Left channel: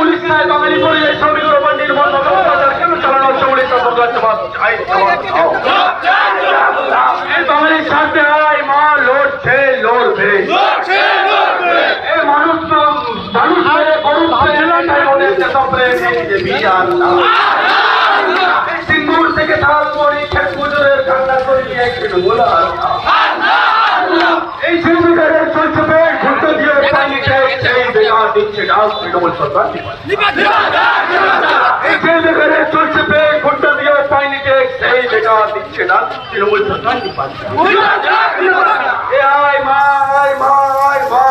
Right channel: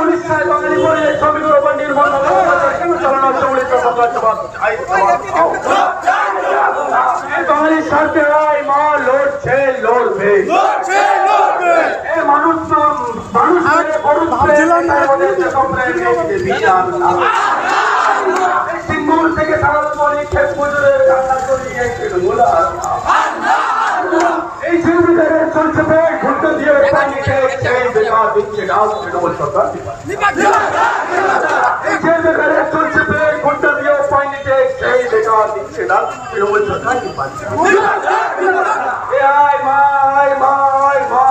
উড়িষ্যায় বাঙালি পরিযায়ী শ্রমিকের উপর নির্মম অত্যাচার কেন চালানো হচ্ছে? উড়িষ্যা সরকার জবাব চাই। এই বাঙালির স্বার্থে মা লড়ছে, লড়বে। এই মানুষ সিঙ্গুর থেকে শালমণি খেত মজুরের কান্না করিয়ে এই জীবিকারের চলছে পেট ঘুরতে দিয়ে পানিতে সেই বেকার দিচ্ছে ডাক তৃণমূল সরকার। এই যে বেকারের চলছে পেট ঘুরতে দিয়ে পানিতে সেই বেকার দিচ্ছে ডাক তৃণমূল সরকার। আয় মা, আয় মা, আয় মা।